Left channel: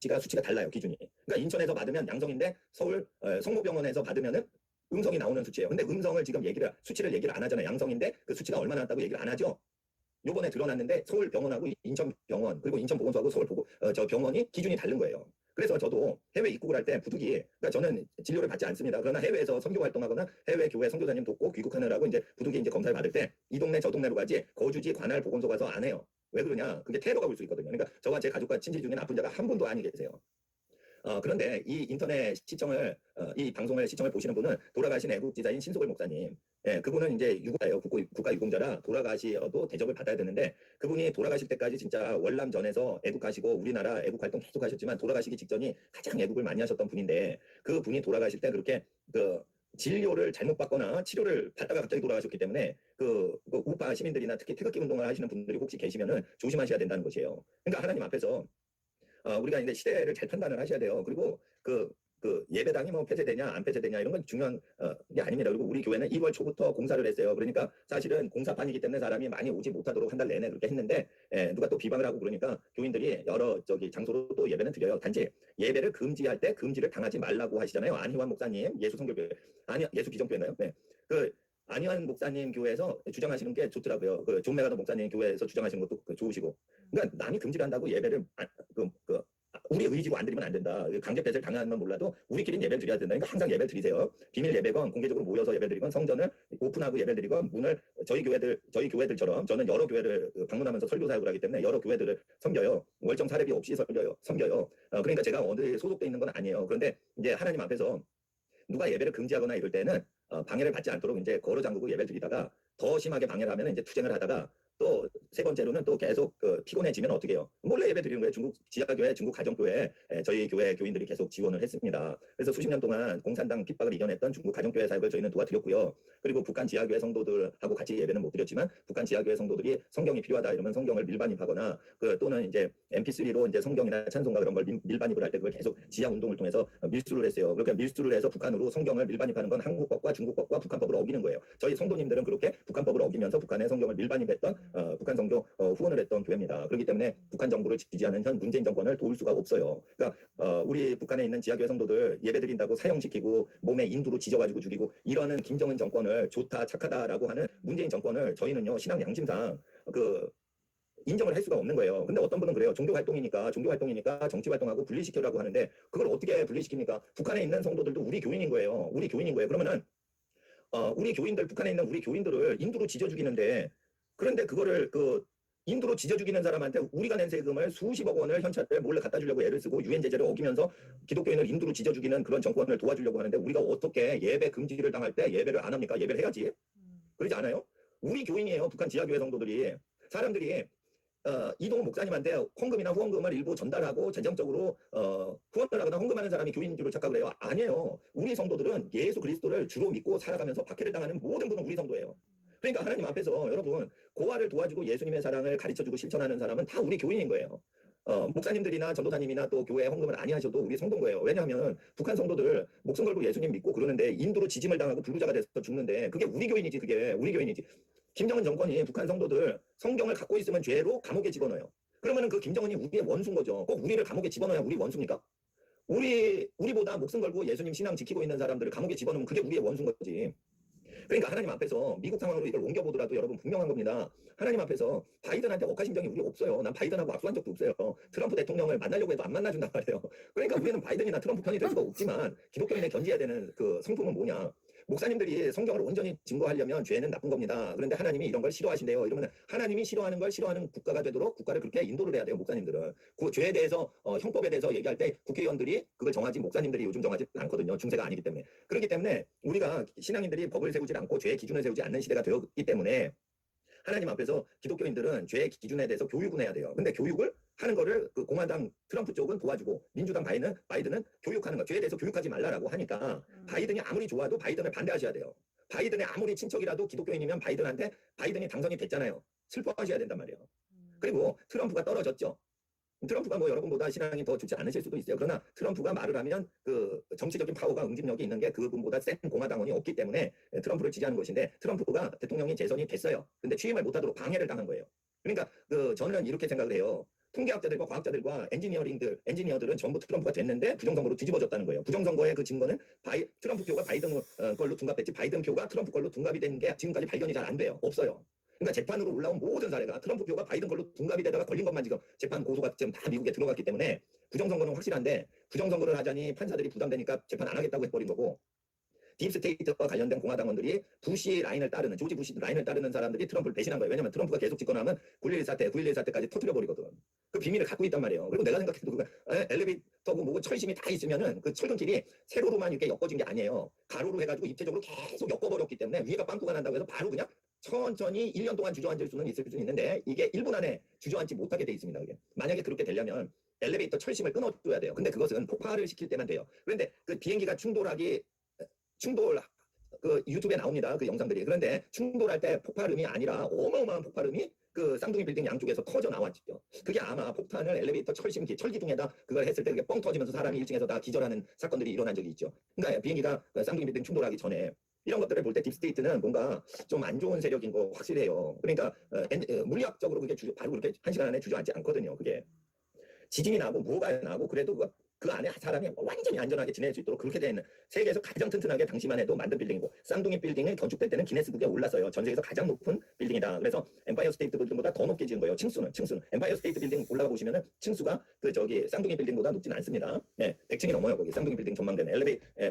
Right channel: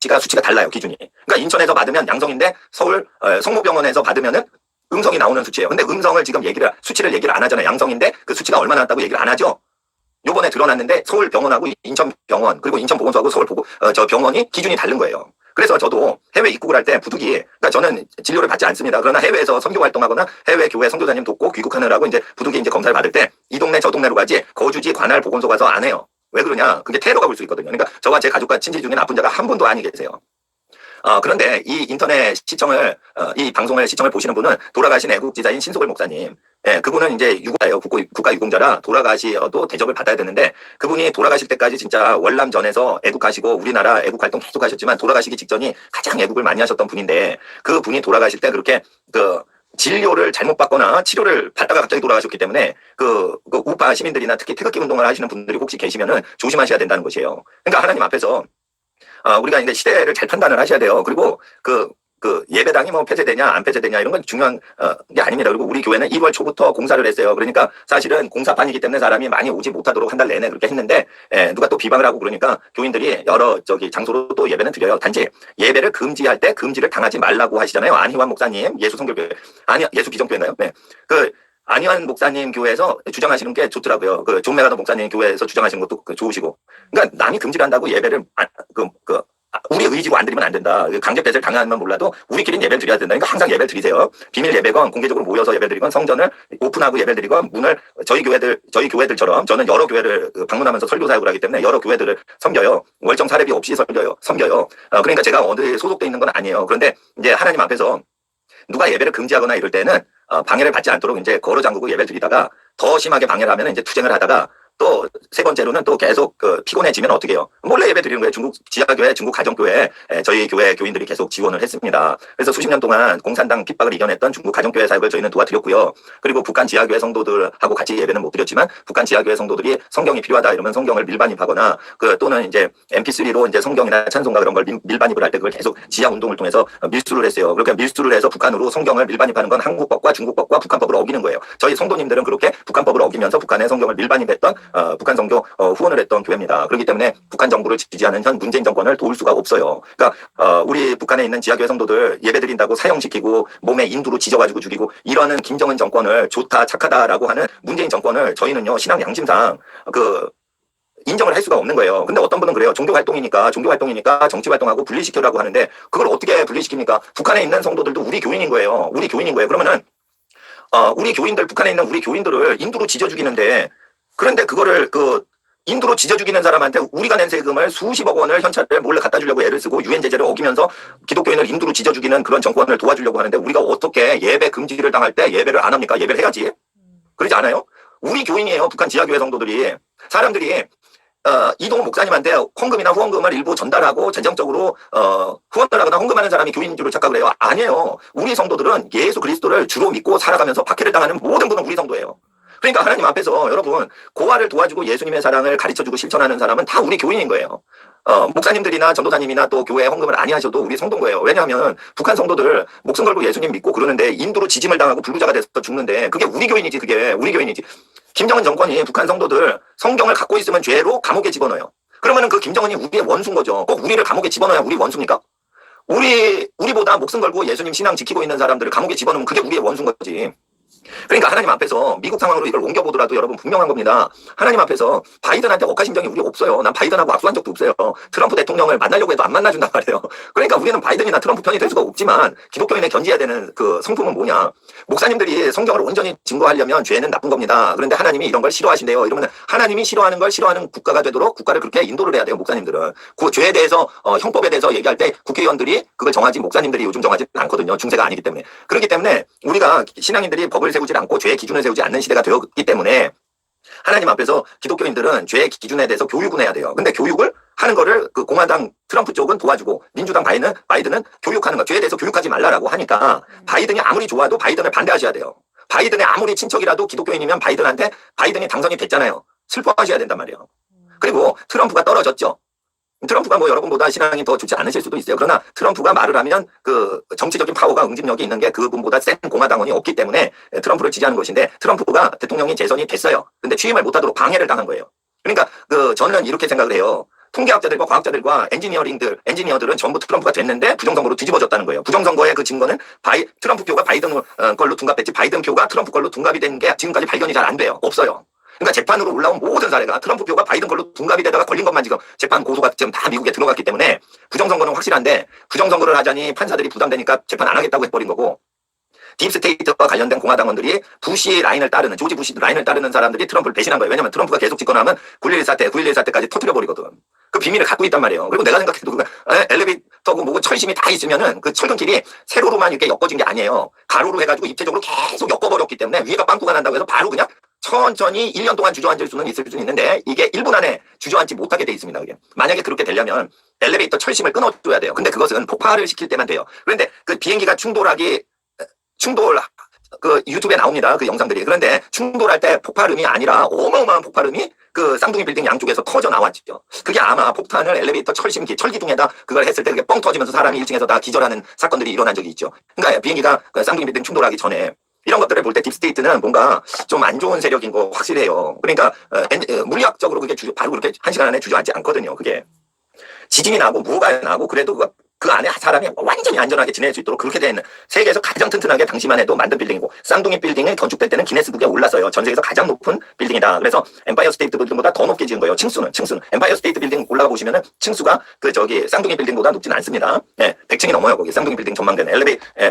수치가 달라요, 기준이. 그러니까 인천에서 받으면 양성인데 서울 성모병원에서 받으면은 음성이 나오는 수치예요. 근데 음성을 지금 수치를 얘기를 안 하잖아요. 양성인데 그 수치가 얼마나 났다고 얘기를 안 하죠. 요번에 드러났는데 서울 병원하고 인천 병원 그리고 인천 보건소하고 서울 저 병원이 기준이 다른 거예요. 그래서 저도 해외 입국을 할 때 부득이, 그러니까 저는 진료를 받지 않습니다. 그러나 해외에서 선교 활동하거나 해외 교회 선교사님 돕고 귀국하느라고 이제 부득이 이제 검사를 받을 때 이 동네 저 동네로 가지 거주지 관할 보건소 가서 안 해요. 왜 그러냐? 그게 테러가 볼 수 있거든요. 그러니까 저와 제 가족과 친지 중에 나쁜 자가 한 분도 아니 계세요. 그런데 이 인터넷 시청을, 이 방송을 시청을 보시는 분은 돌아가신 애국지사인 신소글 목사님. 예, 그분은 이제 유가예요. 국가유공자라 돌아가시어도 대접을 받아야 되는데 그분이 돌아가실 때까지 진짜 월남전에서 애국하시고 우리나라 애국 활동 계속 하셨지만 돌아가시기 직전이 가장 애국을 많이 하셨던 분인데 그 분이 돌아가실 때 그렇게 진료를 잘못 받거나 치료를 받다가 갑자기 돌아가셨기 때문에 그 우파 시민들이나 특히 태극기 운동을 하시는 분들이 혹시 계시면은 조심하셔야 된다는 것이에요. 그러니까 하나님 앞에서 우리가 이제 시대를 잘 판단을 하셔야 돼요. 그리고 그 예배당이 뭐 폐쇄되냐 안 폐쇄되냐 이런 건 중요한 게 아닙니다. 그리고 우리 교회는 1월 초부터 공사를 했어요. 그러니까 사실은 공사판이기 때문에 사람이 많이 오지 못하도록 한 달 내내 그렇게 했는데 누가 또 비방을 하고 그러니까 교인들이 여러 장소로 또 예배는 드려요. 단지 예배를 금지할 때 금지를 당하지 말라고 하시잖아요. 안희환 목사님 예수성결교회 예수기정교회인가요? 네. 안희환 목사님 교회에서 주장하시는 게 좋더라고요. 존 메가더 목사님 교회에서 주장하시는 것도 좋으시고. 그러니까 남이 금지를 한다고 예배를 우리 의지로 안 드리면 안 된다. 강제 폐쇄를 당하면 몰라도 우리끼리는 예배를 드려야 된다. 그러니까 항상 예배를 드리세요. 비밀 예배건 공개적으로 모여서 예배를 드리건 성전을 오픈하고 예배를 드리건 문을 저희 교회들처럼 저는 여러 교회를 방문하면서 설교 사역을 하기 때문에 여러 교회들을 섬겨요. 월정 사례비 없이 섬겨요. 그러니까 제가 어디 소속돼 있는 건 아니에요. 그런데 이제 하나님 앞에서 누가 예배를 금지하거나 이럴 때는 방해를 받지 않도록 이제 걸어 잠그고 예배를 드리다가 더 심하게 방해를 하면 이제 투쟁을 하다가 또 세 번째로는 또 계속 피곤해지면 어떻게 해요? 몰래 예배 드리는 거예요. 중국 지하교회, 중국 가정교회 저희 교회 교인들이 계속 지원을 했습니다. 그래서 수십 년 동안 공산당 핍박을 이겨냈던 중국 가정교회 사역을 저희는 도와드렸고요. 그리고 북한 지하교회 성도들하고 같이 예배는 못 드렸지만 북한 지하교회 성도들이 성경이 필요하다 이러면 성경을 밀반입하거나 또는 이제 MP3로 이제 성경이나 찬송가 그런 걸 밀반입을 할 때 그걸 계속 지하 운동을 통해서 밀수를 했어요. 그렇게 밀수를 해서 북한으로 성경을 밀반입하는 건 한국법과 중국법과 북한법을 어기는 거예요. 저희 성도님들은 그렇게 북한법을 어기면서 북한의 성경을 밀반입했던 북한 선교 후원을 했던 교회입니다. 그렇기 때문에 북한 정부를 지지하는 현 문재인 정권을 도울 수가 없어요. 그러니까 우리 북한에 있는 지하교회 성도들 예배드린다고 사형시키고 몸에 인두로 지져가지고 죽이고 이러는 김정은 정권을 좋다 착하다라고 하는 문재인 정권을 저희는요 신앙 양심상 인정을 할 수가 없는 거예요. 근데 어떤 분은 그래요. 종교활동이니까 정치활동하고 분리시키라고 하는데 그걸 어떻게 분리시킵니까? 북한에 있는 성도들도 우리 교인인 거예요. 그러면은 우리 교인들 북한에 있는 우리 교인들을 인두로 지져 죽이는데 그런데 그거를 인두로 지져 죽이는 사람한테 우리가 낸 세금을 수십억 원을 현찰을 몰래 갖다 주려고 애를 쓰고 유엔 제재를 어기면서 기독교인을 인두로 지져 죽이는 그런 정권을 도와주려고 하는데 우리가 어떻게 예배 금지를 당할 때 예배를 안 합니까? 예배를 해야지. 그러지 않아요? 우리 교인이에요. 북한 지하교회 성도들이. 사람들이 이동훈 목사님한테 헌금이나 후원금을 일부 전달하고 재정적으로 후원을 하거나 헌금하는 사람이 교인인 줄 착각을 해요. 아니에요. 우리 성도들은 예수 그리스도를 주로 믿고 살아가면서 박해를 당하는 모든 분은 우리 성도예요. 그러니까 하나님 앞에서 여러분 고아를 도와주고 예수님의 사랑을 가르쳐주고 실천하는 사람은 다 우리 교인인 거예요. 목사님들이나 전도사님이나 또 교회 헌금을 안 하셔도 우리 성도인 거예요. 왜냐하면 북한 성도들 목숨 걸고 예수님 믿고 그러는데 인두로 지짐을 당하고 불구자가 돼서 죽는데 그게 우리 교인이지. 그게 우리 교인이지. 김정은 정권이 북한 성도들 성경을 갖고 있으면 죄로 감옥에 집어넣어요. 그러면은 그 김정은이 우리의 원수인 거죠. 꼭 우리를 감옥에 집어넣어야 우리 원수입니까? 우리보다 목숨 걸고 예수님 신앙 지키고 있는 사람들을 감옥에 집어넣으면 그게 우리의 원수인 거지. 그러니까 하나님 앞에서 미국 상황으로 이걸 옮겨보더라도 여러분 분명한 겁니다. 하나님 앞에서 바이든한테 억하심정이 우리 없어요. 난 바이든하고 악수한 적도 없어요. 트럼프 대통령을 만나려고 해도 안 만나준단 말이에요. 그러니까 우리는 바이든이나 트럼프 편이 될 수가 없지만 기독교인에 견지해야 되는 성품은 뭐냐. 목사님들이 성경을 온전히 증거하려면 죄는 나쁜 겁니다. 그런데 하나님이 이런 걸 싫어하신대요. 이러면 하나님이 싫어하는 걸 싫어하는 국가가 되도록 국가를 그렇게 인도를 해야 돼요. 목사님들은. 그 죄에 대해서 형법에 대해서 얘기할 때 국회의원들이 그걸 정하지 목사님들이 요즘 정하지 않거든요. 중세가 아니기 때문에. 그렇기 때문에 우리가 신앙인들이 법을 세우지 않고 죄의 기준을 세우지 않는 시대가 되었기 때문에 하나님 앞에서 기독교인들은 죄의 기준에 대해서 교육을 해야 돼요. 근데 교육을 하는 거를 공화당 트럼프 쪽은 도와주고 민주당 바이든은 교육하는 거 죄에 대해서 교육하지 말라라고 하니까 바이든이 아무리 좋아도 바이든을 반대하셔야 돼요. 바이든의 아무리 친척이라도 기독교인이면 바이든이 당선이 됐잖아요. 슬퍼하셔야 된단 말이에요. 그리고 트럼프가 떨어졌죠. 트럼프가 여러분보다 신앙이 더 좋지 않으실 수도 있어요. 그러나 트럼프가 말을 하면 정치적인 파워가 응집력이 있는 게 그분보다 센 공화당원이 없기 때문에 트럼프를 지지하는 것인데 트럼프가 대통령이 재선이 됐어요. 근데 취임을 못하도록 방해를 당한 거예요. 그러니까 저는 이렇게 생각을 해요. 통계학자들과 과학자들과 엔지니어들은 전부 트럼프가 됐는데 부정선거로 뒤집어졌다는 거예요. 부정선거의 그 증거는 트럼프 표가 바이든 걸로 둔갑됐지 바이든 표가 트럼프 걸로 둔갑이 된 게 지금까지 발견이 잘 안 돼요. 없어요. 그러니까 재판으로 올라온 모든 사례가 트럼프 표가 바이든 걸로 둔갑이 되다가 걸린 것만 지금 재판 고소가 지금 다 미국에 들어갔기 때문에 부정선거는 확실한데 부정선거를 하자니 판사들이 부담되니까 재판 안 하겠다고 해버린 거고 딥스테이트와 관련된 공화당원들이 조지 부시 라인을 따르는 사람들이 트럼프를 배신한 거예요. 왜냐면 트럼프가 계속 집권하면 9.11 사태까지 터뜨려버리거든. 그 비밀을 갖고 있단 말이에요. 그리고 내가 생각해도 엘리베이터고 뭐고 철심이 다 있으면은 그 철근길이 세로로만 이렇게 엮어진 게 아니에요. 가로로 해가지고 입체적으로 계속 엮어버렸기 때문에 위에가 빵꾸가 난다고 해서 바로 그냥 천천히 1년 동안 주저앉을 수는 있을 수 있는데 이게 1분 안에 주저앉지 못하게 돼 있습니다. 그게. 만약에 그렇게 되려면 엘리베이터 철심을 끊어줘야 돼요. 근데 그것은 폭발을 시킬 때만 돼요. 그런데 그 비행기가 그 유튜브에 나옵니다. 그 영상들이. 그런데 충돌할 때 폭발음이 아니라 어마어마한 폭발음이 그 쌍둥이 빌딩 양쪽에서 터져 나왔죠. 그게 아마 폭탄을 엘리베이터 철기둥에다 그걸 했을 때 그게 뻥 터지면서 사람이 1층에서 다 기절하는 사건들이 일어난 적이 있죠. 그러니까 비행기가 그 쌍둥이 빌딩 충돌하기 전에 이런 것들을 볼 때 딥스테이트는 뭔가 좀 안 좋은 세력인 거 확실해요. 그러니까 물리학적으로 그게 바로 그렇게 1시간 안에 주저앉지 않거든요. 그게 지진이 나고 무가 나고 그래도 그 안에 사람이 완전히 안전하게 지낼 수 있도록 그렇게 된 세계에서 가장 튼튼하게 당시만 해도 만든 빌딩이고 쌍둥이 빌딩이 건축될 때는 기네스북에 올랐어요. 전 세계에서 가장 높은 빌딩이다. 그래서 엠파이어 스테이트 빌딩보다 더 높게 지은 거예요. 층수는 엠파이어 스테이트 빌딩 올라가 보시면은 층수가 쌍둥이 빌딩보다 높진 않습니다. 네, 100층이 넘어요. 거기 쌍둥이 빌딩 전망대는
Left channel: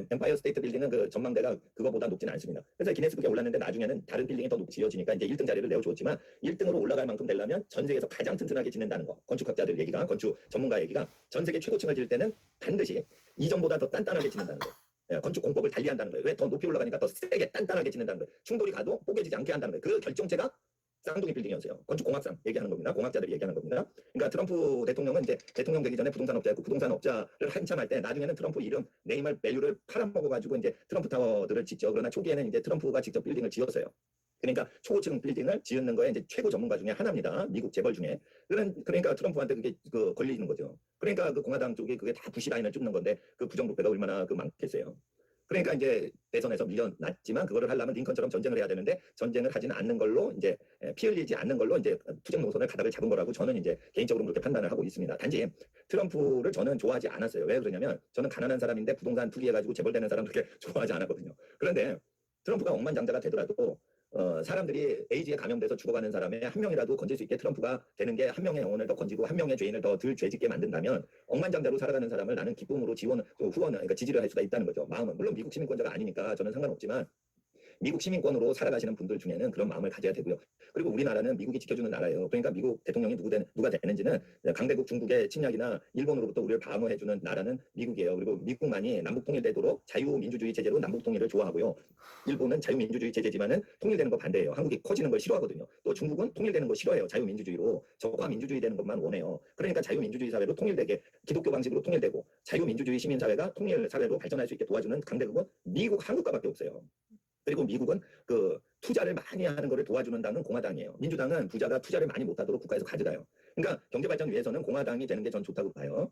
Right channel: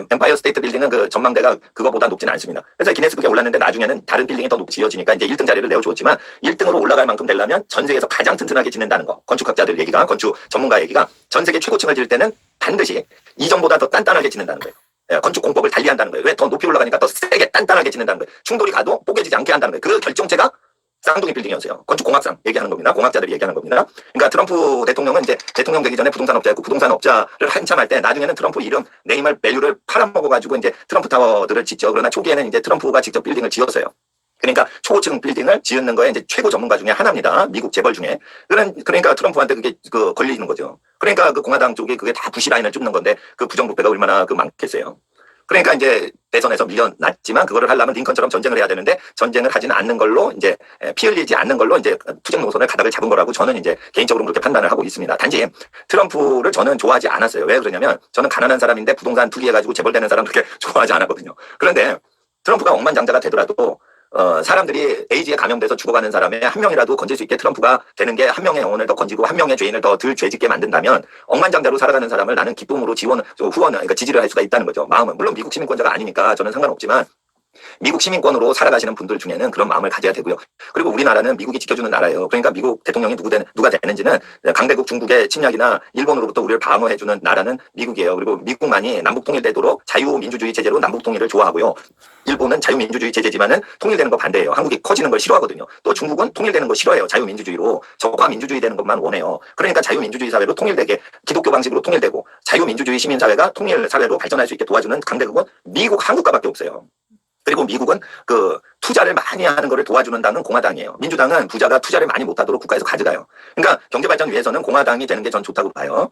엠파이어 스테이트 빌딩은 그 전망대가 그거보다 높진 않습니다. 그래서 기네스북에 올랐는데 나중에는 다른 빌딩이 더 높이 지어지니까 이제 1등 자리를 내어주었지만 1등으로 올라갈 만큼 되려면 전 세계에서 가장 튼튼하게 짓는다는 거. 건축학자들 얘기가 건축 전문가 얘기가 전 세계 최고층을 지을 때는 반드시 이전보다 더 단단하게 짓는다는 거예요. 예, 건축 공법을 달리한다는 거예요. 왜 더 높이 올라가니까 더 세게 단단하게 짓는다는 거예요. 충돌이 가도 뽀개지지 않게 한다는 거예요. 그 결정체가 쌍둥이 빌딩이었어요. 건축 공학상 얘기하는 겁니다. 공학자들이 얘기하는 겁니다. 그러니까 트럼프 대통령은 이제 대통령 되기 전에 부동산업자였고 부동산업자를 한참 할 때 나중에는 트럼프 이름 네이멀 밸류를 팔아먹어가지고 이제 트럼프 타워들을 짓죠. 그러나 초기에는 이제 트럼프가 직접 빌딩을 지었어요. 그러니까 초고층 빌딩을 지은 거에 이제 최고 전문가 중에 하나입니다. 미국 재벌 중에. 그러니까 트럼프한테 그게 걸리는 거죠. 그러니까 그 공화당 쪽에 그게 다 부시 라인을 줍는 건데 그 부정부패가 얼마나 많겠어요. 그러니까 이제 대선에서 밀려났지만 그거를 하려면 링컨처럼 전쟁을 해야 되는데 전쟁을 하지는 않는 걸로 이제 피 흘리지 않는 걸로 이제 투쟁 노선을 가닥을 잡은 거라고 저는 이제 개인적으로 그렇게 판단을 하고 있습니다. 단지 트럼프를 저는 좋아하지 않았어요. 왜 그러냐면 저는 가난한 사람인데 부동산 투기해가지고 재벌되는 사람 그렇게 좋아하지 않았거든요. 그런데 트럼프가 억만장자가 되더라도 사람들이 에이즈에 감염돼서 죽어가는 사람의 한 명이라도 건질 수 있게 트럼프가 되는 게 한 명의 영혼을 더 건지고 한 명의 죄인을 더 덜 죄짓게 만든다면 억만장자로 살아가는 사람을 나는 기쁨으로 그러니까 지지를 할 수가 있다는 거죠. 마음은. 물론 미국 시민권자가 아니니까 저는 상관없지만 미국 시민권으로 살아가시는 분들 중에는 그런 마음을 가져야 되고요. 그리고 우리나라는 미국이 지켜주는 나라예요. 그러니까 미국 대통령이 누가 되는지는 강대국 중국의 침략이나 일본으로부터 우리를 방어해주는 나라는 미국이에요. 그리고 미국만이 남북 통일되도록 자유민주주의 체제로 남북 통일을 좋아하고요. 일본은 자유민주주의 체제지만은 통일되는 거 반대예요. 한국이 커지는 걸 싫어하거든요. 또 중국은 통일되는 거 싫어해요. 자유민주주의로 적화 민주주의 되는 것만 원해요. 그러니까 자유민주주의 사회로 통일되게 기독교 방식으로 통일되고 자유민주주의 시민사회가 통일 사회로 발전할 수 있게 도와주는 강대국은 미국, 한국과밖에 없어요. 그리고 미국은 그 투자를 많이 하는 것을 도와주는 당은 공화당이에요. 민주당은 부자가 투자를 많이 못하도록 국가에서 가져가요. 그러니까 경제발전 위해서는 공화당이 되는 게 전 좋다고 봐요.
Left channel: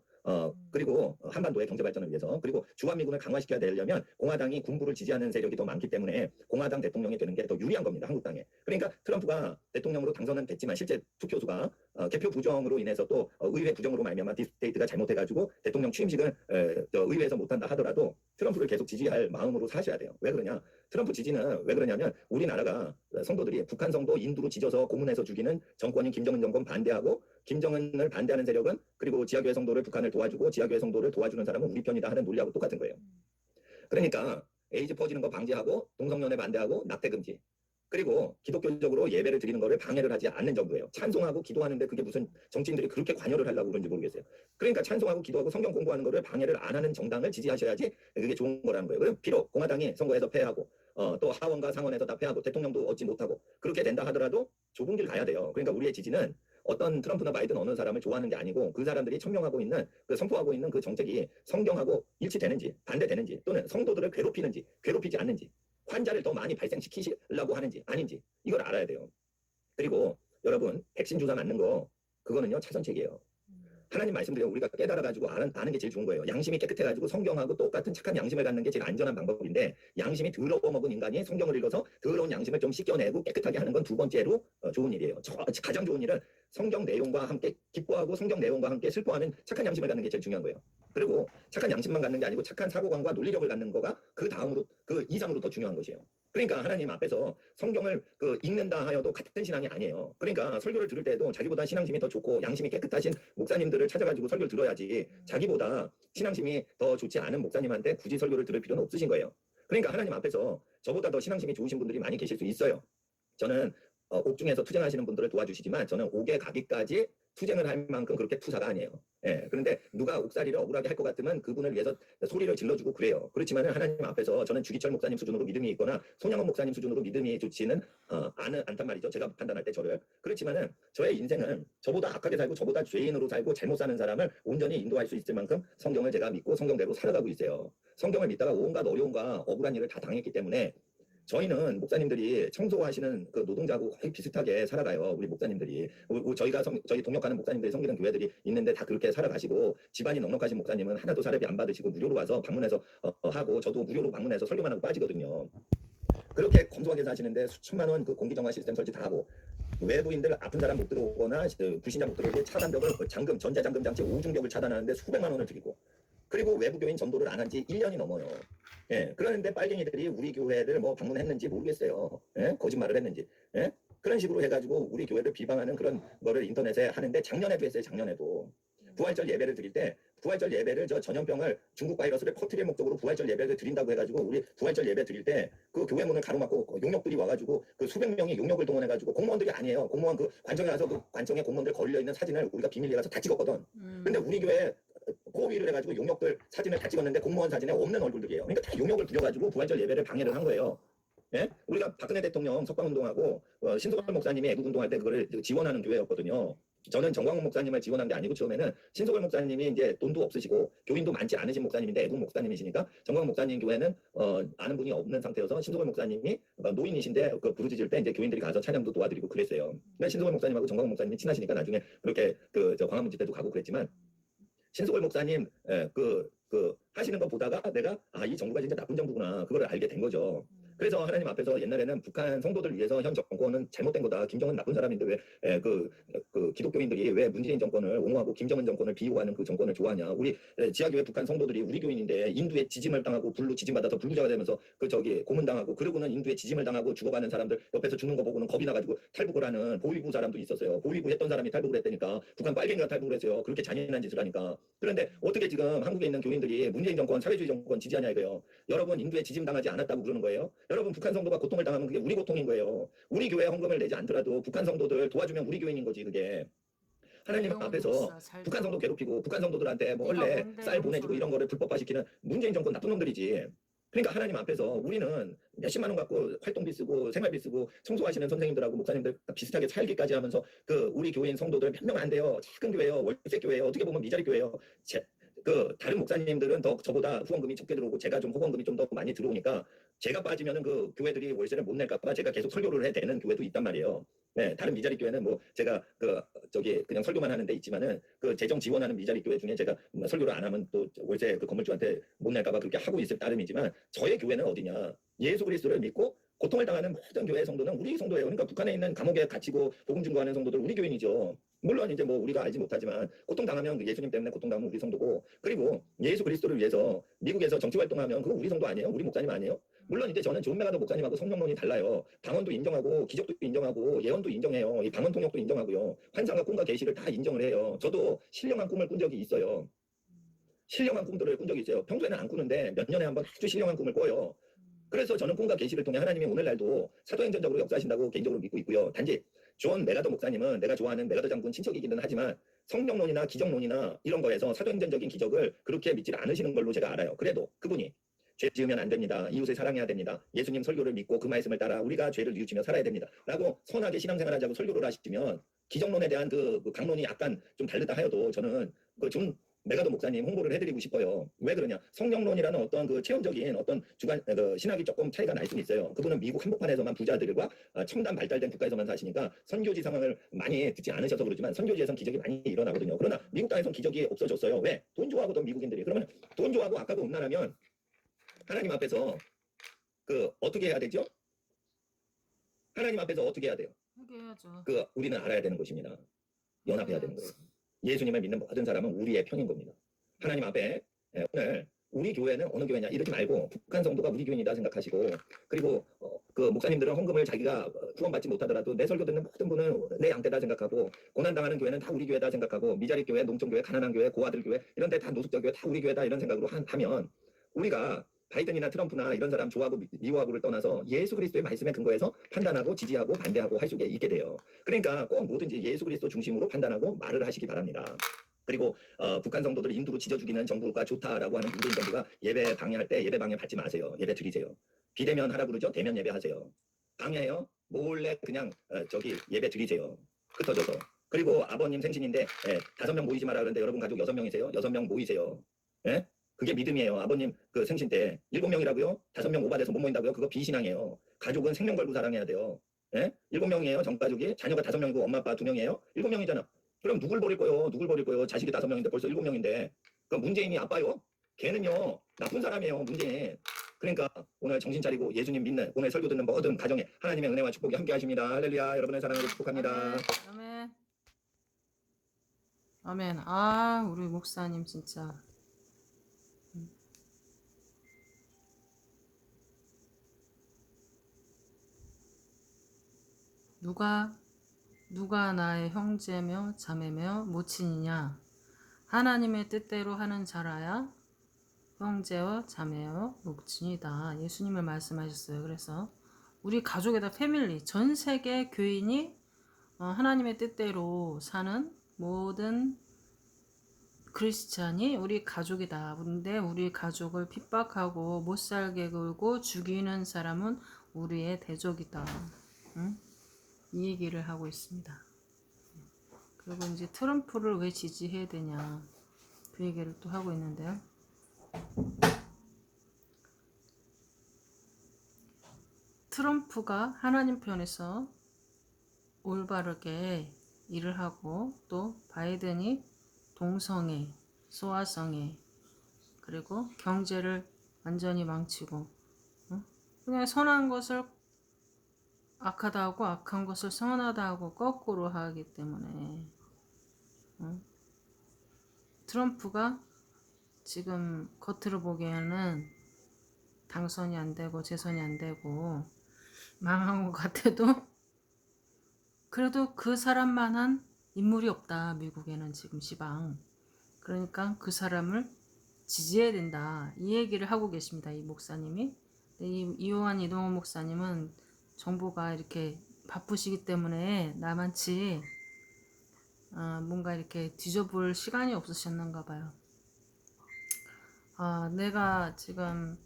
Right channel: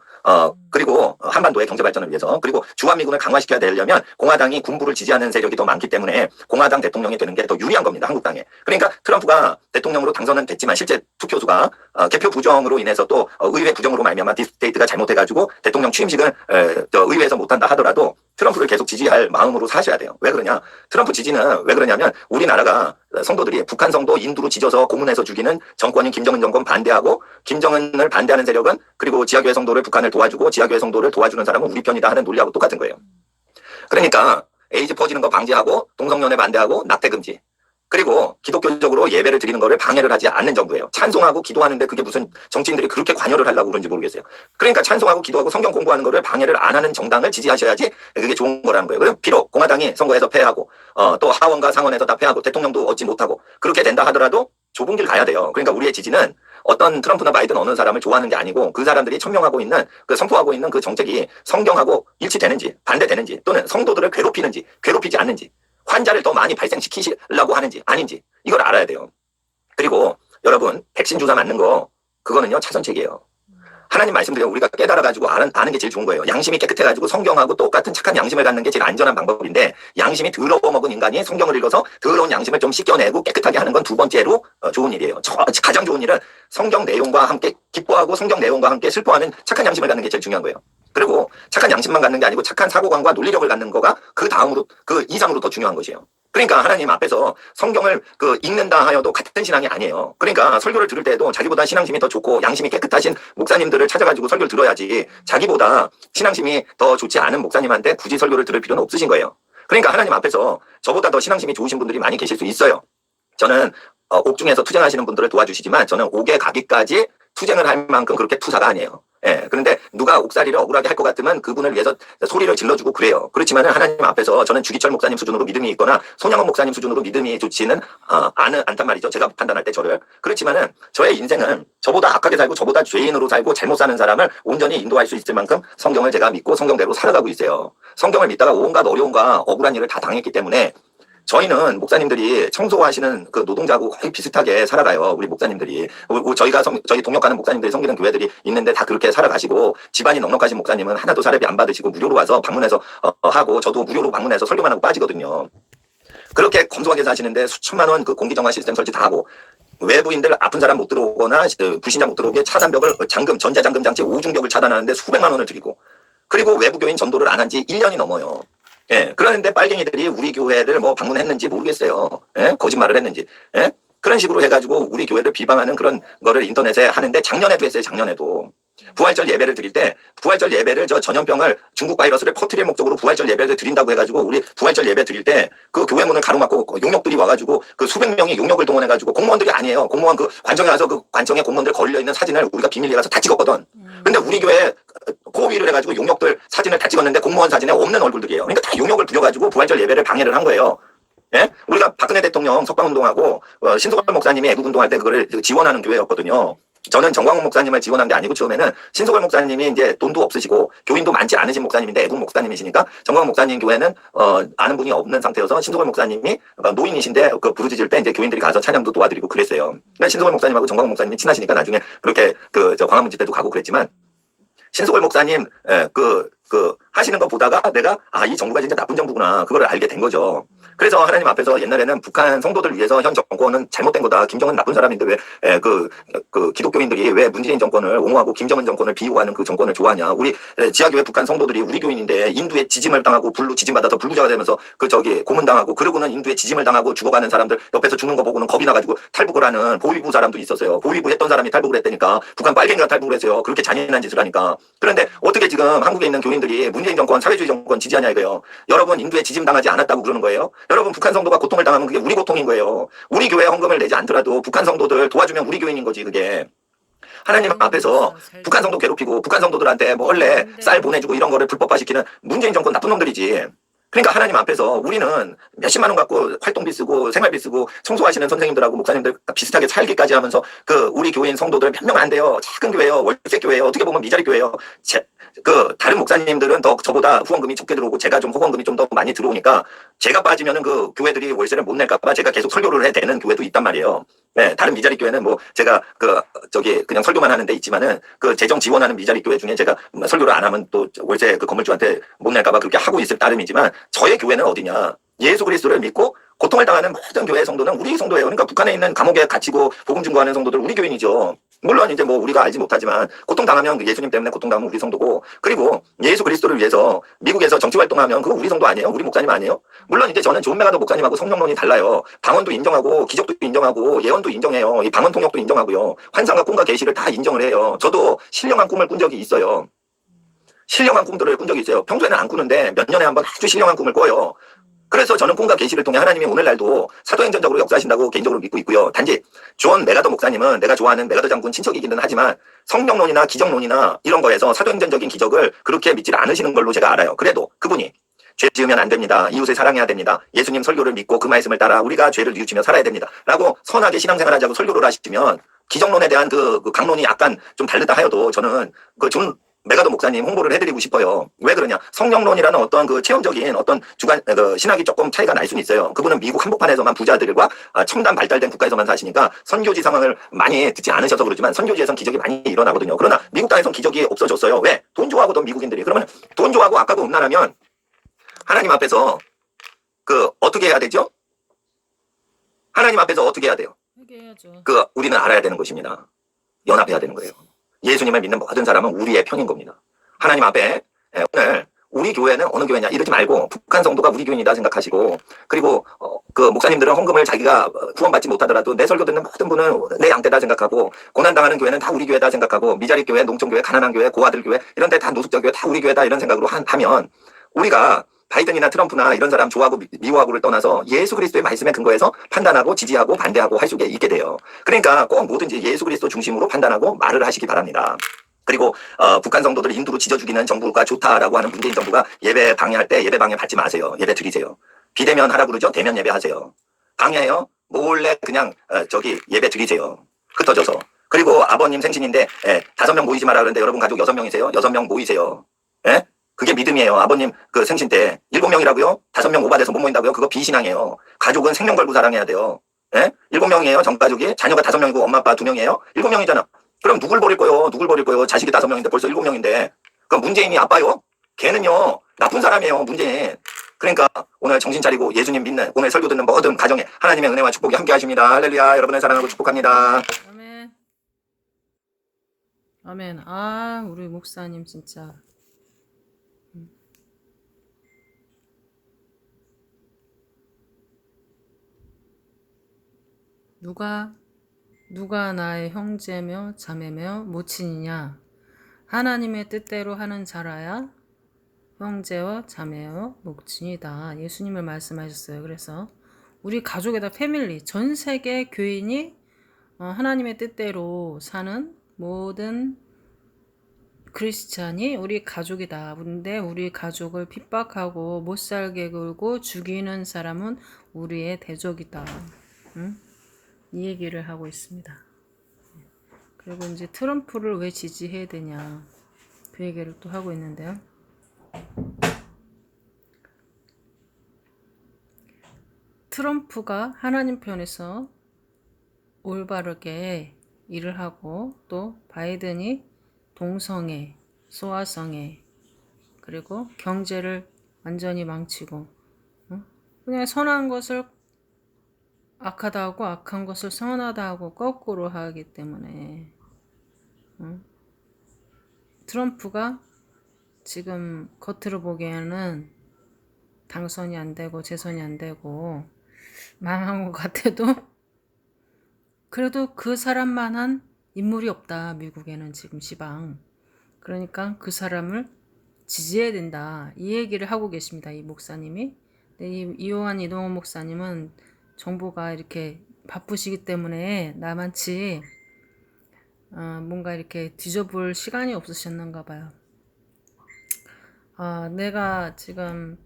그리고 한반도의 경제발전을 위해서 그리고 주한미군을 강화시켜야 되려면 공화당이 군부를 지지하는 세력이 더 많기 때문에 공화당 대통령이 되는 게 더 유리한 겁니다. 한국당에. 그러니까 트럼프가 대통령으로 당선은 됐지만 실제 투표수가 개표 부정으로 인해서 또 의회 부정으로 말미암아 딥스테이트가 잘못해가지고 대통령 취임식을 의회에서 못한다 하더라도 트럼프를 계속 지지할 마음으로 사셔야 돼요. 왜 그러냐? 트럼프 지지는 왜 그러냐면 우리나라가 성도들이 북한 성도 인두로 지져서 고문해서 죽이는 정권인 김정은 정권 반대하고 김정은을 반대하는 세력은 그리고 지하교회 성도를 북한을 도와주고 지하교회 성도를 도와주는 사람은 우리 편이다 하는 논리하고 똑같은 거예요. 그러니까 에이즈 퍼지는 거 방지하고 동성연애 반대하고 낙태 금지 그리고 기독교적으로 예배를 드리는 거를 방해를 하지 않는 정부예요. 찬송하고 기도하는데 그게 무슨 정치인들이 그렇게 관여를 하려고 그런지 모르겠어요. 그러니까 찬송하고 기도하고 성경 공부하는 거를 방해를 안 하는 정당을 지지하셔야지 그게 좋은 거라는 거예요. 그럼 비록 공화당이 선거에서 패하고 또 하원과 상원에서 다 패하고 대통령도 얻지 못하고 그렇게 된다 하더라도 좁은 길 가야 돼요. 그러니까 우리의 지지는 어떤 트럼프나 바이든 어느 사람을 좋아하는 게 아니고 그 사람들이 천명하고 있는 선포하고 있는 그 정책이 성경하고 일치되는지 반대되는지 또는 성도들을 괴롭히는지 괴롭히지 않는지 환자를 더 많이 발생시키려고 하는지 아닌지 이걸 알아야 돼요. 그리고 여러분 백신 주사 맞는 거 그거는요 차선책이에요. 하나님 말씀드려 우리가 깨달아가지고 아는 게 제일 좋은 거예요. 양심이 깨끗해가지고 성경하고 똑같은 착한 양심을 갖는 게 제일 안전한 방법인데 양심이 더러워 먹은 인간이 성경을 읽어서 더러운 양심을 좀 씻겨내고 깨끗하게 하는 건 두 번째로 좋은 일이에요. 가장 좋은 일은 성경 내용과 함께 기뻐하고 성경 내용과 함께 슬퍼하는 착한 양심을 갖는 게 제일 중요한 거예요. 그리고 착한 양심만 갖는 게 아니고 착한 사고관과 논리력을 갖는 거가 그 다음으로 그 이상으로 더 중요한 것이에요. 그러니까 하나님 앞에서 성경을 읽는다 하여도 같은 신앙이 아니에요. 그러니까 설교를 들을 때도 자기보다 신앙심이 더 좋고 양심이 깨끗하신 목사님들을 찾아가지고 설교를 들어야지 자기보다 신앙심이 더 좋지 않은 목사님한테 굳이 설교를 들을 필요는 없으신 거예요. 그러니까 하나님 앞에서 저보다 더 신앙심이 좋으신 분들이 많이 계실 수 있어요. 저는 옥중에서 투쟁하시는 분들을 도와주시지만 저는 옥에 가기까지 투쟁을 할 만큼 그렇게 투사가 아니에요. 예, 그런데 누가 옥살이를 억울하게 할 것 같으면 그분을 위해서 소리를 질러주고 그래요. 그렇지만은 하나님 앞에서 저는 주기철 목사님 수준으로 믿음이 있거나 손양원 목사님 수준으로 믿음이 좋지는 않단 말이죠. 제가 판단할 때 저를. 그렇지만은 저의 인생은 저보다 악하게 살고 저보다 죄인으로 살고 잘못 사는 사람을 온전히 인도할 수 있을 만큼 성경을 제가 믿고 성경대로 살아가고 있어요. 성경을 믿다가 온갖 어려움과 억울한 일을 다 당했기 때문에 저희는 목사님들이 청소하시는 그 노동자하고 거의 비슷하게 살아가요. 우리 목사님들이. 저희 동역하는 목사님들이 섬기는 교회들이 있는데 다 그렇게 살아가시고 집안이 넉넉하신 목사님은 하나도 사례비 안 받으시고 무료로 와서 방문해서 하고 저도 무료로 방문해서 설교만 하고 빠지거든요. 그렇게 검소하게 사시는데 수천만 원 그 공기정화 시스템 설치 다 하고 외부인들 아픈 사람 못 들어오거나 불신자 못 들어오게 차단벽을 전자잠금 장치 5중벽을 차단하는데 수백만 원을 들이고 그리고 외부교인 전도를 안 한 지 1년이 넘어요. 예, 그런데 빨갱이들이 우리 교회를 뭐 방문했는지 모르겠어요. 예? 거짓말을 했는지. 예? 그런 식으로 해가지고 우리 교회를 비방하는 그런 거를 인터넷에 하는데 작년에도 했어요. 작년에도. 부활절 예배를 드릴 때 부활절 예배를 전염병을 중국 바이러스를 퍼뜨릴 목적으로 부활절 예배를 드린다고 해가지고 우리 부활절 예배 드릴 때 그 교회 문을 가로막고 용역들이 와가지고 그 수백 명이 용역을 동원해가지고 공무원들이 아니에요. 공무원 그 관청에 와서 그 관청에 공무원들 걸려있는 사진을 우리가 비밀리에 가서 다 찍었거든. 근데 우리 교회 고위를 해가지고 용역들 사진을 다 찍었는데 공무원 사진에 없는 얼굴들이에요. 그러니까 다 용역을 부려가지고 부활절 예배를 방해를 한 거예요. 예? 우리가 박근혜 대통령 석방운동하고 신소걸 목사님이 애국운동할 때 그거를 지원하는 교회였거든요. 저는 정광훈 목사님을 지원한 게 아니고 처음에는 신소걸 목사님이 이제 돈도 없으시고 교인도 많지 않으신 목사님인데 애국 목사님이시니까 정광훈 목사님 교회는 아는 분이 없는 상태여서 신소걸 목사님이 노인이신데 그 부르짖을 때 이제 교인들이 가서 찬양도 도와드리고 그랬어요. 그러니까 신소걸 목사님하고 정광훈 목사님이 친하시니까 나중에 그렇게 저 광화문 집회도 가고 그랬지만 신소걸 목사님 하시는 거 보다가 내가 이 정부가 진짜 나쁜 정부구나 그거를 알게 된 거죠. 그래서 하나님 앞에서 옛날에는 북한 성도들 위해서 현 정권은 잘못된 거다. 김정은 나쁜 사람인데 왜 기독교인들이 왜 문재인 정권을 옹호하고 김정은 정권을 비호하는 그 정권을 좋아하냐. 우리 지하교회 북한 성도들이 우리 교인인데 인두에 지짐을 당하고 지짐받아서 불구자가 되면서 고문당하고 그러고는 인두에 지짐을 당하고 죽어가는 사람들 옆에서 죽는 거 보고는 겁이 나가지고 탈북을 하는 보위부 사람도 있었어요. 보위부 했던 사람이 탈북을 했다니까 북한 빨갱이가 탈북을 했어요. 그렇게 잔인한 짓을 하니까. 그런데 어떻게 지금 한국에 있는 교인들이 문재인 정권 사회주의 정권 지지하냐 이거예요. 여러분 인두에 지짐당하지 않았다고 그러는 거예요. 여러분 북한 성도가 고통을 당하면 그게 우리 고통인 거예요. 우리 교회 헌금을 내지 않더라도 북한 성도들 도와주면 우리 교인인 거지 그게. 하나님 앞에서 북한 성도 괴롭히고 북한 성도들한테 원래 쌀 보내주고 이런 거를 불법화시키는 문재인 정권 나쁜 놈들이지. 그러니까 하나님 앞에서 우리는 몇십만 원 갖고 활동비 쓰고 생활비 쓰고 청소하시는 선생님들하고 목사님들 비슷하게 살기까지 하면서 우리 교인 성도들 몇 명 안 돼요. 작은 교회요. 월세 교회요. 어떻게 보면 미자리 교회요. 다른 목사님들은 더 저보다 후원금이 적게 들어오고 제가 좀 후원금이 좀 더 많이 들어오니까 제가 빠지면은 그 교회들이 월세를 못 낼까봐 제가 계속 설교를 해야 되는 교회도 있단 말이에요. 네, 다른 미자리 교회는 뭐 제가 그냥 설교만 하는 데 있지만은 그 재정 지원하는 미자리 교회 중에 제가 설교를 안 하면 또 월세 그 건물주한테 못 낼까봐 그렇게 하고 있을 따름이지만 저의 교회는 어디냐? 예수 그리스도를 믿고 고통을 당하는 모든 교회 성도는 우리 성도예요. 그러니까 북한에 있는 감옥에 갇히고 복음 증거하는 성도들 우리 교인이죠. 물론 이제 뭐 우리가 알지 못하지만 고통당하면 예수님 때문에 고통당하면 우리 성도고 그리고 예수 그리스도를 위해서 미국에서 정치 활동하면 그거 우리 성도 아니에요? 우리 목사님 아니에요? 물론 이제 저는 존 메가더 목사님하고 성령론이 달라요. 방언도 인정하고 기적도 인정하고 예언도 인정해요. 이 방언 통역도 인정하고요. 환상과 꿈과 계시를 다 인정을 해요. 저도 신령한 꿈을 꾼 적이 있어요. 신령한 꿈들을 꾼 적이 있어요. 평소에는 안 꾸는데 몇 년에 한 번 아주 신령한 꿈을 꿔요. 그래서 저는 꿈과 계시를 통해 하나님이 오늘날도 사도행전적으로 역사하신다고 개인적으로 믿고 있고요. 단지 존 메가더 목사님은 내가 좋아하는 메가더 장군 친척이기는 하지만 성령론이나 기적론이나 이런 거에서 사도행전적인 기적을 그렇게 믿지 않으시는 걸로 제가 알아요. 그래도 그분이 죄 지으면 안 됩니다. 이웃을 사랑해야 됩니다. 예수님 설교를 믿고 그 말씀을 따라 우리가 죄를 뉘우치며 살아야 됩니다. 라고 선하게 신앙생활 하자고 설교를 하시면 기적론에 대한 그 강론이 약간 좀 다르다 하여도 저는 존 메가더 목사님 홍보를 해드리고 싶어요. 왜 그러냐? 성령론이라는 어떤 그 체험적인 어떤 신학이 조금 차이가 날 수는 있어요. 그분은 미국 한복판에서만 부자들과 첨단 발달된 국가에서만 사시니까 선교지 상황을 많이 듣지 않으셔서 그러지만 선교지에선 기적이 많이 일어나거든요. 그러나 미국 땅에선 기적이 없어졌어요. 왜? 돈 좋아하거든 미국인들이. 그러면 돈 좋아하고 악하고 음란하면 하나님 앞에서 어떻게 해야 되죠? 하나님 앞에서 어떻게 해야 돼요? 회개해야죠. 우리는 알아야 되는 것입니다. 연합해야 되는 거예요. 예수님을 믿는 모든 사람은 우리의 편인 겁니다. 하나님 앞에 오늘 우리 교회는 어느 교회냐 이러지 말고 북한 성도가 우리 교인이다 생각하시고, 그리고 그 목사님들은 헌금을 자기가 구원받지 못하더라도 내 설교 듣는 모든 분은 내 양떼다 생각하고, 고난당하는 교회는 다 우리 교회다 생각하고, 미자리 교회, 농촌교회, 가난한 교회, 고아들 교회 이런 데 다 노숙자 교회 다 우리 교회다 이런 생각으로 하면 우리가 바이든이나 트럼프나 이런 사람 좋아하고 미워하고를 떠나서 예수 그리스도의 말씀에 근거해서 판단하고 지지하고 반대하고 할 수 있게 돼요. 그러니까 꼭 뭐든지 예수 그리스도 중심으로 판단하고 말을 하시기 바랍니다. 그리고 북한 성도들 인두로 지져 죽이는 정부가 좋다라고 하는 문재인 정부가 예배 방해할 때 예배 방해 받지 마세요. 예배 드리세요. 비대면 하라 그러죠. 대면 예배하세요. 방해해요. 몰래 그냥 저기 예배 드리세요. 흩어져서. 그리고 아버님 생신인데 5명 모이지 마라 그러는데 여러분 가족 6명이세요. 6명 모이세요. 예? 그게 믿음이에요. 아버님 그 생신 때 7명이라고요? 5명 오바돼서 못 모인다고요? 그거 비신앙이에요. 가족은 생명 걸고 사랑해야 돼요. 예? 7명이에요. 전가족이. 자녀가 5명이고 엄마 아빠 2명이에요. 7명이잖아. 그럼 누굴 버릴 거요? 누굴 버릴 거요? 자식이 5명인데 벌써 7명인데. 그럼 문재인이 아빠요? 걔는요 나쁜 사람이에요. 문재인. 그러니까 오늘 정신 차리고 예수님 믿는 오늘 설교 듣는 모든 가정에 하나님의 은혜와 축복이 함께 하십니다. 할렐루야. 여러분을 사랑하고 축복합니다. 아멘. 아멘. 아, 우리 목사님 진짜. 누가 나의 형제며 자매며 모친이냐? 하나님의 뜻대로 하는 자라야 형제와 자매와 모친이다. 예수님을 말씀하셨어요. 그래서 우리 가족에다 패밀리, 전 세계 교인이 하나님의 뜻대로 사는 모든 크리스찬이 우리 가족이다. 근데 우리 가족을 핍박하고 못 살게 굴고 죽이는 사람은 우리의 대적이다. 응? 이 얘기를 하고 있습니다. 그리고 이제 트럼프를 왜 지지해야 되냐 그 얘기를 또 하고 있는데요. 트럼프가 하나님 편에서 올바르게 일을 하고, 또 바이든이 동성애, 소아성애, 그리고 경제를 완전히 망치고, 그냥 선한 것을 악하다 하고 악한 것을 선하다 하고 거꾸로 하기 때문에 트럼프가 지금 겉으로 보기에는 당선이 안 되고 재선이 안 되고 망한 것 같아도 그래도 그 사람만한 인물이 없다. 미국에는 지금 시방. 그러니까 그 사람을 지지해야 된다. 이 얘기를 하고 계십니다. 이 목사님이. 이호환 이동원 목사님은 정보가 이렇게 바쁘시기 때문에 나만치 뭔가 이렇게 뒤져볼 시간이 없으셨는가 봐요. 내가 지금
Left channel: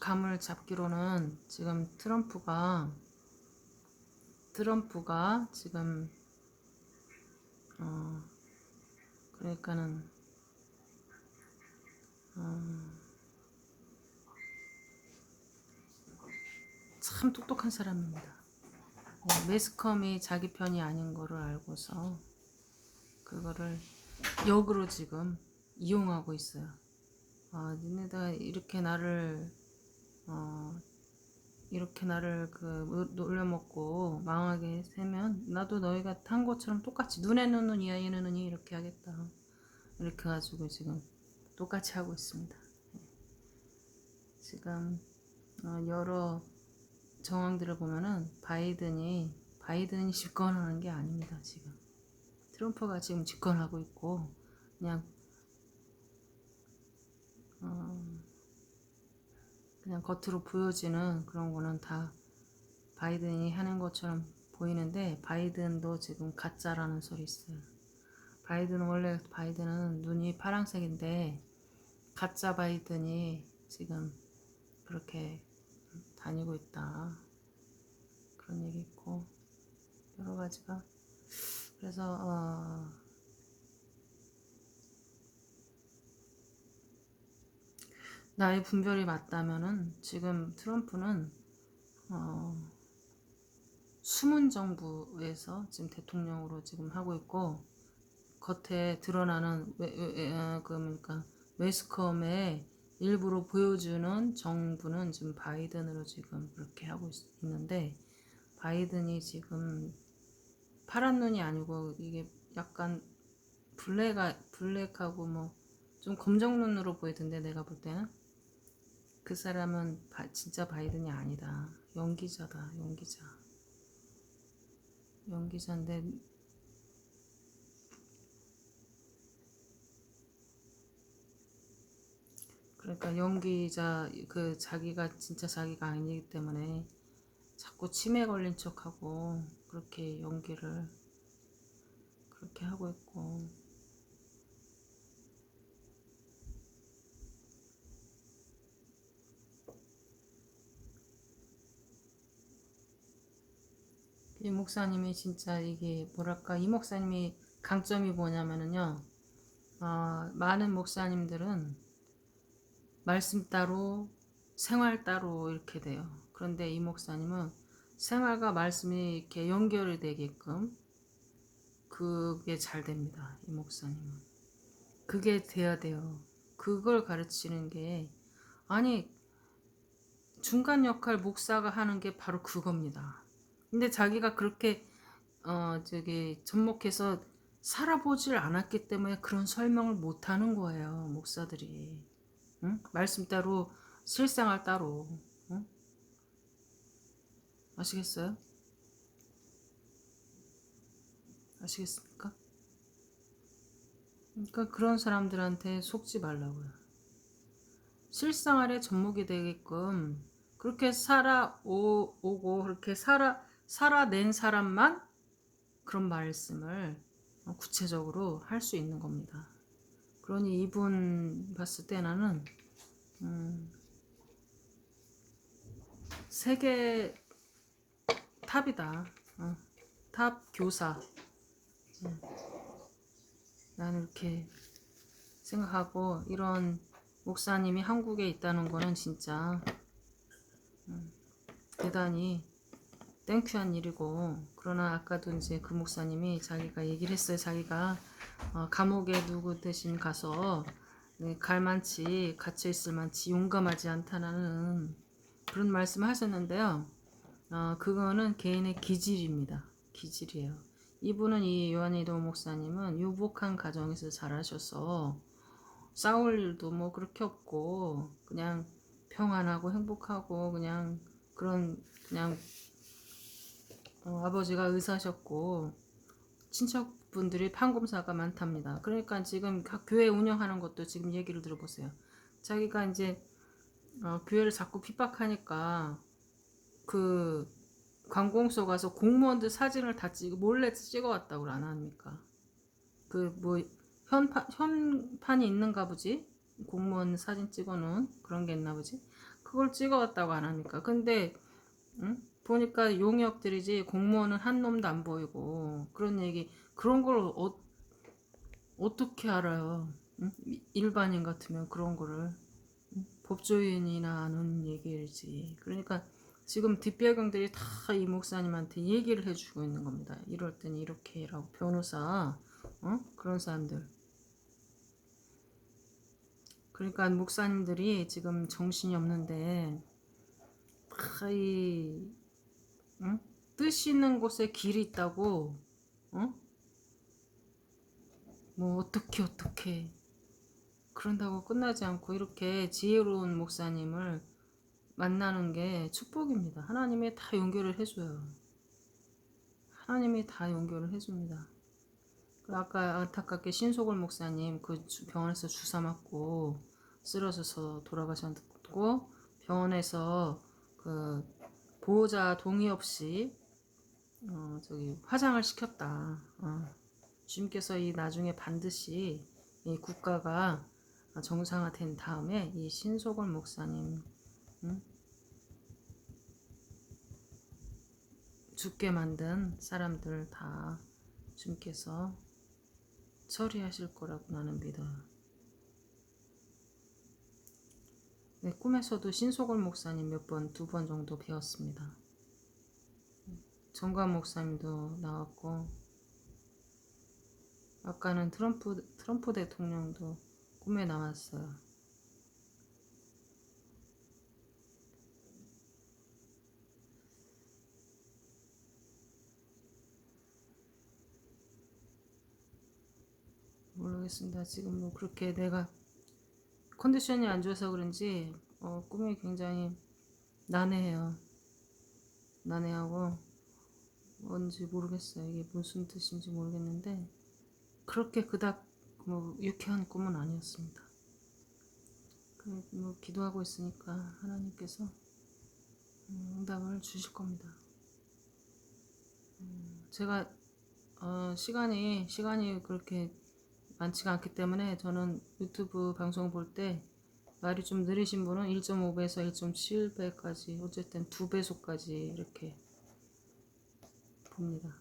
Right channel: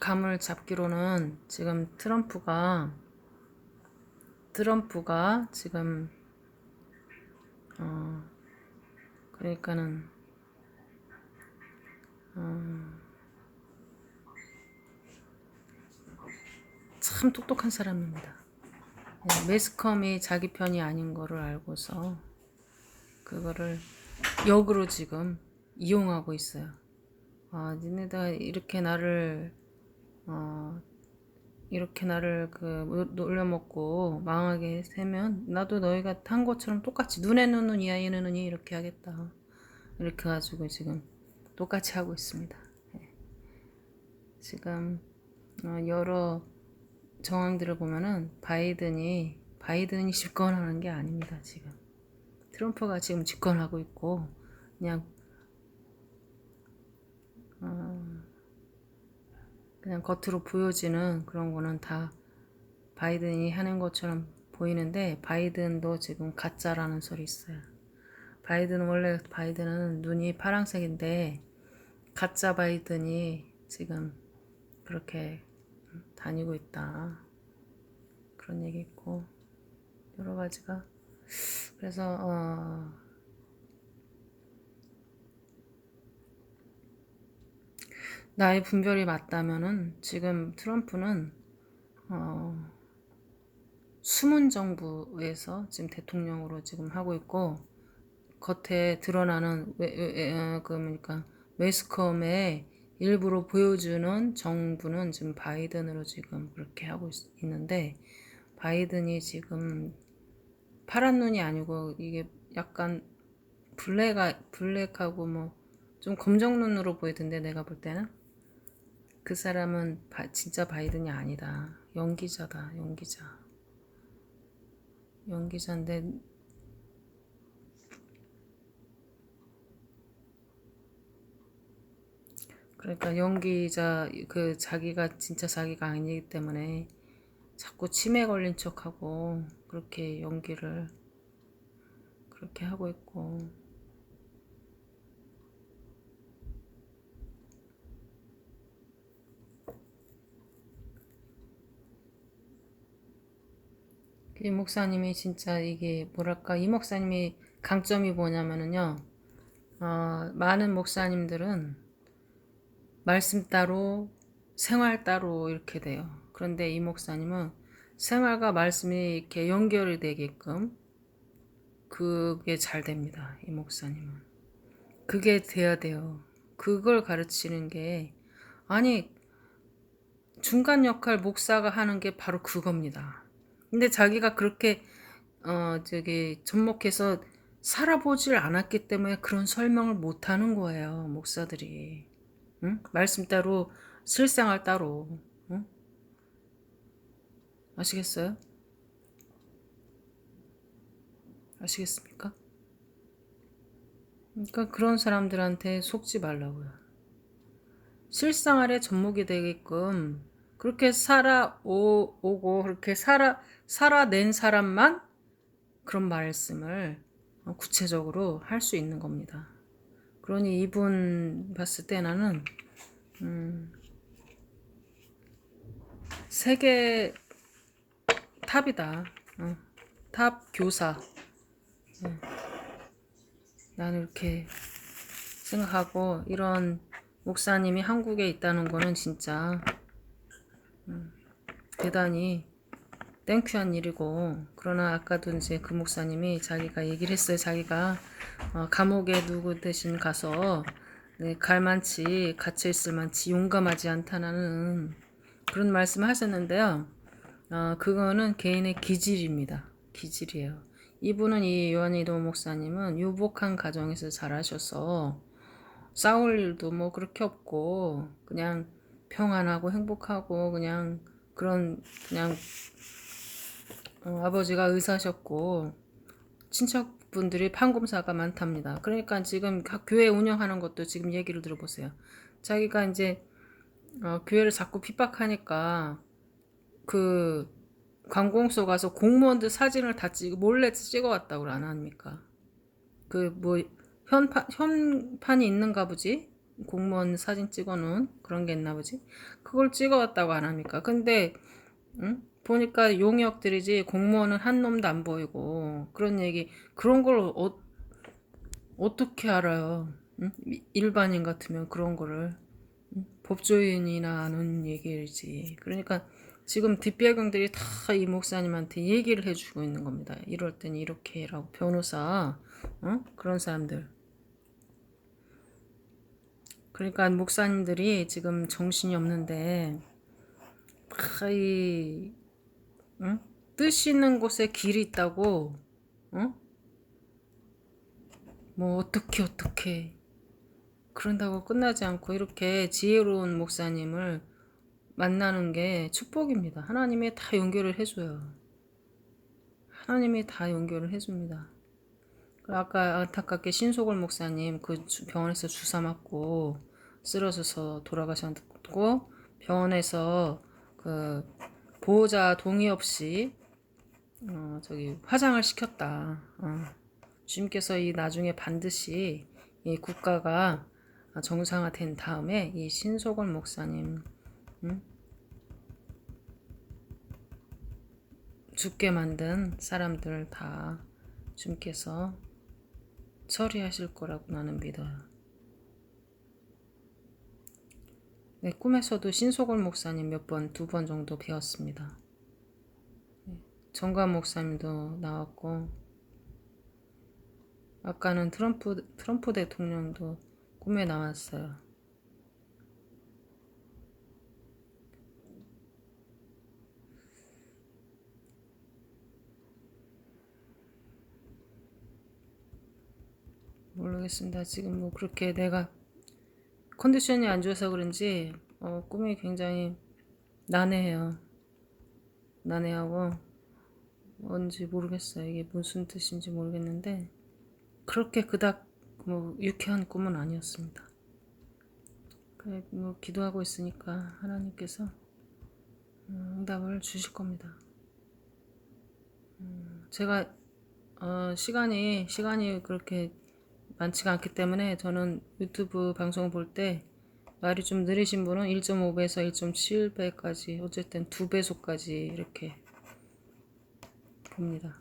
감을 잡기로는 지금 트럼프가 지금 그러니까는 참 똑똑한 사람입니다. 매스컴이 자기 편이 아닌 거를 알고서 그거를 역으로 지금 이용하고 있어요. 니네가 이렇게 나를 놀려먹고 망하게 세면 나도 너희가 한 것처럼 똑같이 눈에는 눈, 이에는 눈이 이렇게 하겠다. 이렇게 가지고 지금 똑같이 하고 있습니다. 지금 여러 정황들을 보면은 바이든이 집권하는 게 아닙니다. 지금 트럼프가 지금 집권하고 있고 그냥 겉으로 보여지는 그런 거는 다 바이든이 하는 것처럼 보이는데, 바이든도 지금 가짜라는 소리 있어요. 원래 바이든은 눈이 파란색인데 가짜 바이든이 지금 그렇게 다니고 있다. 그런 얘기 있고 여러 가지가. 그래서 나의 분별이 맞다면은 지금 트럼프는 숨은 정부에서 지금 대통령으로 지금 하고 있고, 겉에 드러나는 그러니까 매스컴에 일부러 보여주는 정부는 지금 바이든으로 지금 그렇게 하고 있는데, 바이든이 지금 파란 눈이 아니고 이게 약간 블랙하고 뭐 좀 검정 눈으로 보이던데 내가 볼 때는 그 사람은 진짜 바이든이 아니다. 연기자다. 연기자인데 그러니까 연기자 그 자기가 진짜 자기가 아니기 때문에 자꾸 치매 걸린 척하고 그렇게 연기를 그렇게 하고 있고 이 목사님이 진짜 이게 뭐랄까 이 목사님이 강점이 뭐냐면은요 많은 목사님들은 말씀 따로 생활 따로 이렇게 돼요. 그런데 이 목사님은 생활과 말씀이 이렇게 연결이 되게끔 그게 잘 됩니다. 이 목사님은 그게 돼야 돼요. 그걸 가르치는 게 아니 중간 역할 목사가 하는 게 바로 그겁니다. 근데 자기가 그렇게 접목해서 살아보질 않았기 때문에 그런 설명을 못 하는 거예요, 목사들이. 응? 말씀 따로 실생활 따로. 응? 아시겠어요? 아시겠습니까? 그러니까 그런 사람들한테 속지 말라고요. 실생활에 접목이 되게끔 그렇게 살아오고 그렇게 살아낸 사람만 그런 말씀을 구체적으로 할 수 있는 겁니다. 그러니 이분 봤을 때 나는 세계 탑이다. 탑 교사. 나는 이렇게 생각하고 이런 목사님이 한국에 있다는 거는 진짜 대단히 땡큐한 일이고 그러나 아까도 이제 그 목사님이 자기가 얘기를 했어요. 자기가 감옥에 누구 대신 가서 갈만치 갇혀있을 만치 용감하지 않다는 그런 말씀을 하셨는데요. 그거는 개인의 기질입니다. 기질이에요. 이분은 이 요한이도 목사님은 유복한 가정에서 자라셔서 싸울 일도 뭐 그렇게 없고 그냥 평안하고 행복하고 그냥 그냥 아버지가 의사셨고 친척분들이 판검사가 많답니다. 그러니까 지금 교회 운영하는 것도 지금 얘기를 들어보세요. 자기가 이제 교회를 자꾸 핍박하니까 그 관공서 가서 공무원들 사진을 다 몰래 찍어왔다고 안 합니까? 그 뭐 현판이 있는가 보지? 공무원 사진 찍어놓은 그런 게 있나 보지? 그걸 찍어왔다고 안 합니까? 근데 응? 보니까 용역들이지 공무원은 한 놈도 안 보이고 그런 얘기 그런 걸 어떻게 알아요? 응? 일반인 같으면 그런 거를 법조인이나 아는 얘기지. 그러니까 지금 뒷배경들이 다 이 목사님한테 얘기를 해주고 있는 겁니다. 이럴 땐 이렇게 해라고 변호사 그런 사람들. 그러니까 목사님들이 지금 정신이 없는데 이 뜻 있는 곳에 길이 있다고 뭐 어떻게 그런다고 끝나지 않고 이렇게 지혜로운 목사님을 만나는 게 축복입니다. 하나님이 다 연결을 해줘요. 하나님이 다 연결을 해줍니다. 아까 안타깝게 신소골 목사님 그 병원에서 주사 맞고 쓰러져서 돌아가셨고 병원에서 그 보호자 동의 없이 화장을 시켰다. 주님께서 이 나중에 반드시 이 국가가 정상화된 다음에 이 신소골 목사님 죽게 만든 사람들 다 주님께서 처리하실 거라고 나는 믿어요. 네, 꿈에서도 신소골 목사님 두 번 정도 배웠습니다. 정관 목사님도 나왔고 아까는 트럼프 대통령도 꿈에 나왔어요. 모르겠습니다. 지금 뭐 그렇게 내가 컨디션이 안 좋아서 그런지 꿈이 굉장히 난해해요. 난해하고 뭔지 모르겠어요. 이게 무슨 뜻인지 모르겠는데 그렇게 그닥 뭐 유쾌한 꿈은 아니었습니다. 그래 뭐 기도하고 있으니까 하나님께서 응답을 주실 겁니다. 제가 시간이 그렇게 많지가 않기 때문에 저는 유튜브 방송 볼 때 말이 좀 느리신 분은 1.5배에서 1.7배까지 어쨌든 2배속까지 이렇게 봅니다.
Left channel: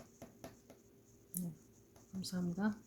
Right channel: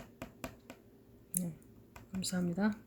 네, 감사합니다.